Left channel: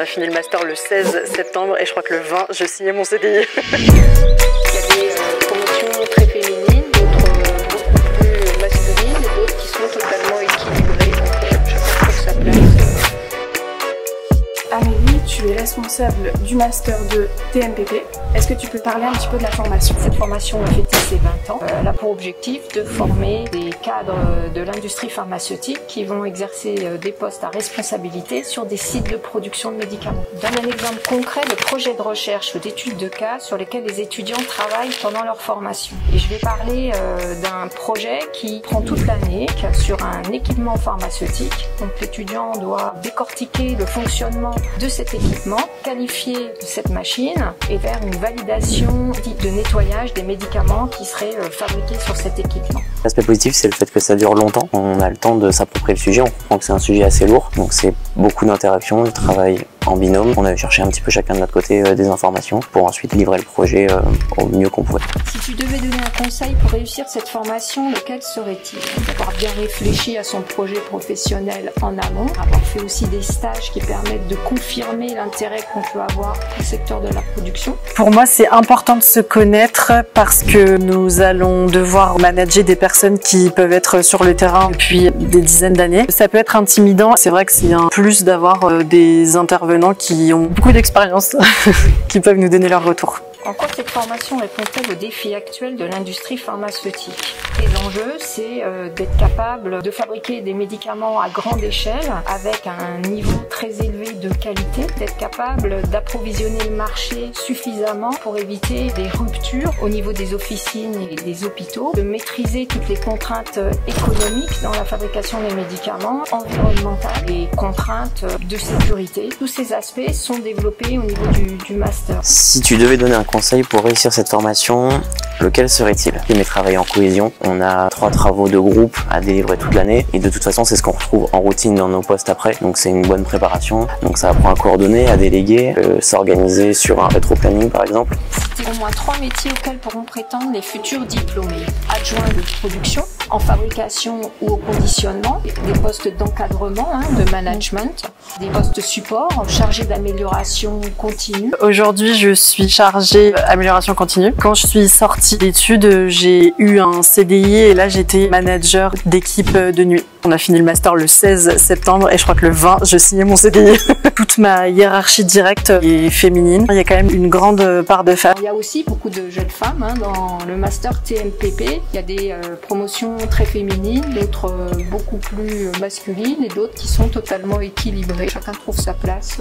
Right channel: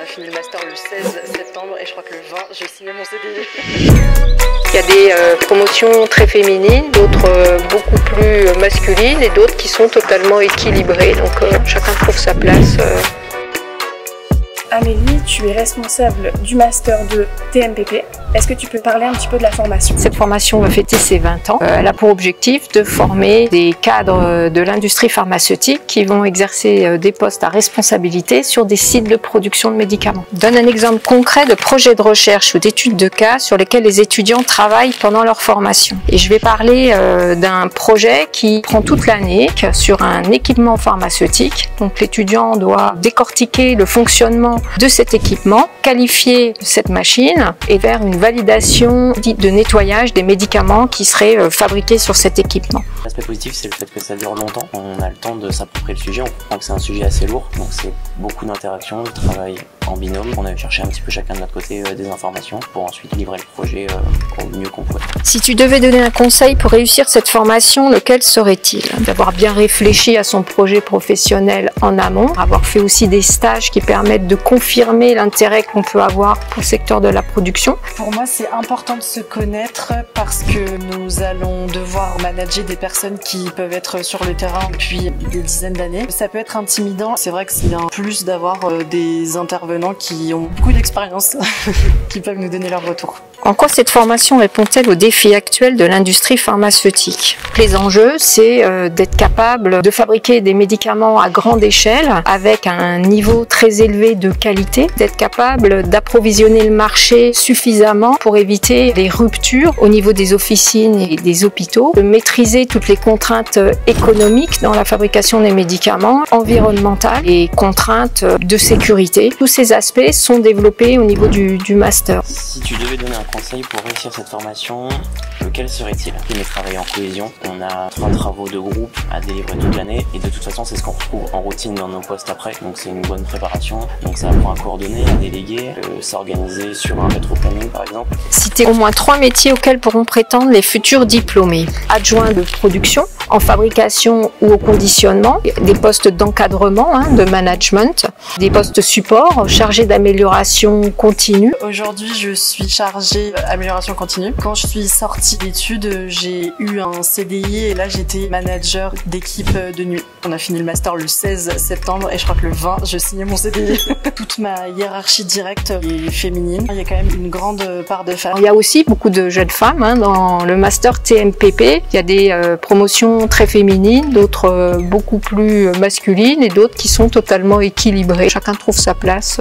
On a fini le master le 16 septembre et je crois que le 20, je signais mon CDI. Il y a des promotions très féminines, d'autres beaucoup plus masculines et d'autres qui sont totalement équilibrées. Donc chacun trouve sa place. Amélie, tu es responsable du master de TMPP. Est-ce que tu peux parler un petit peu de la formation? Cette formation va fêter ses 20 ans. Elle a pour objectif de former des cadres de l'industrie pharmaceutique qui vont exercer des postes à responsabilité sur des sites de production de médicaments. Je donne un exemple concret de projet de recherche ou d'études de cas sur lesquels les étudiants travaillent pendant leur formation. Et je vais parler d'un projet qui prend toute l'année sur un équipement pharmaceutique. Donc l'étudiant doit décortiquer le fonctionnement de cet équipement, qualifier cette machine et faire une validation dite de nettoyage des médicaments qui seraient fabriqués sur cet équipement. L'aspect positif, c'est le fait que ça dure longtemps. On a le temps de s'approprier le sujet, on comprend que c'est un sujet assez lourd, donc c'est beaucoup d'interactions, de travail en binôme. On a cherché un petit peu chacun de notre côté des informations pour ensuite livrer le projet au mieux qu'on pourrait. Si tu devais donner un conseil pour réussir cette formation, lequel serait-il? D'avoir bien réfléchi à son projet professionnel en amont, avoir fait aussi des stages qui permettent de confirmer l'intérêt qu'on peut avoir pour le secteur de la production. Pour moi, c'est important de se connaître parce que nous allons devoir manager des personnes qui peuvent être sur le terrain depuis des dizaines d'années. Ça peut être intimidant. C'est vrai que c'est un plus d'avoir des intervenants qui ont beaucoup d'expérience, qui peuvent nous donner leur retour. En quoi cette formation répond-elle aux défis actuels de l'industrie pharmaceutique? Les enjeux, c'est d'être capable de fabriquer des médicaments à grande échelle avec un niveau très élevé de qualité, d'être capable d'approvisionner le marché suffisamment pour éviter des ruptures au niveau des officines et des hôpitaux, de maîtriser toutes les contraintes économiques dans la fabrication des médicaments, environnementales et contraintes de sécurité. Tous ces aspects sont développés au niveau du master. Si tu devais donner un conseil pour réussir cette formation, lequel serait-il? Aimer travailler en cohésion. On a 3 travaux de groupe à délivrer toute l'année et de toute façon c'est ce qu'on retrouve en routine dans nos postes après, donc c'est une bonne préparation. Donc ça apprend à coordonner, à déléguer, s'organiser sur un rétro-planning par exemple. Citer au moins 3 métiers auxquels pourront prétendre les futurs diplômés. Adjoint de production, en fabrication ou au conditionnement, des postes d'encadrement, de management, des postes support, chargés d'amélioration continue. Aujourd'hui, je suis chargée amélioration continue. Quand je suis sortie d'études, j'ai eu un CDI et là j'étais manager d'équipe de nuit. On a fini le master le 16 septembre et je crois que le 20, je signais mon CDI. Toute ma hiérarchie directe est féminine. Il y a quand même une grande part de femmes. Il y a aussi beaucoup de jeunes femmes dans le master TMPP. Il y a des promotions très féminines, d'autres beaucoup plus masculines et d'autres qui sont totalement équilibrées. Chacun trouve sa place.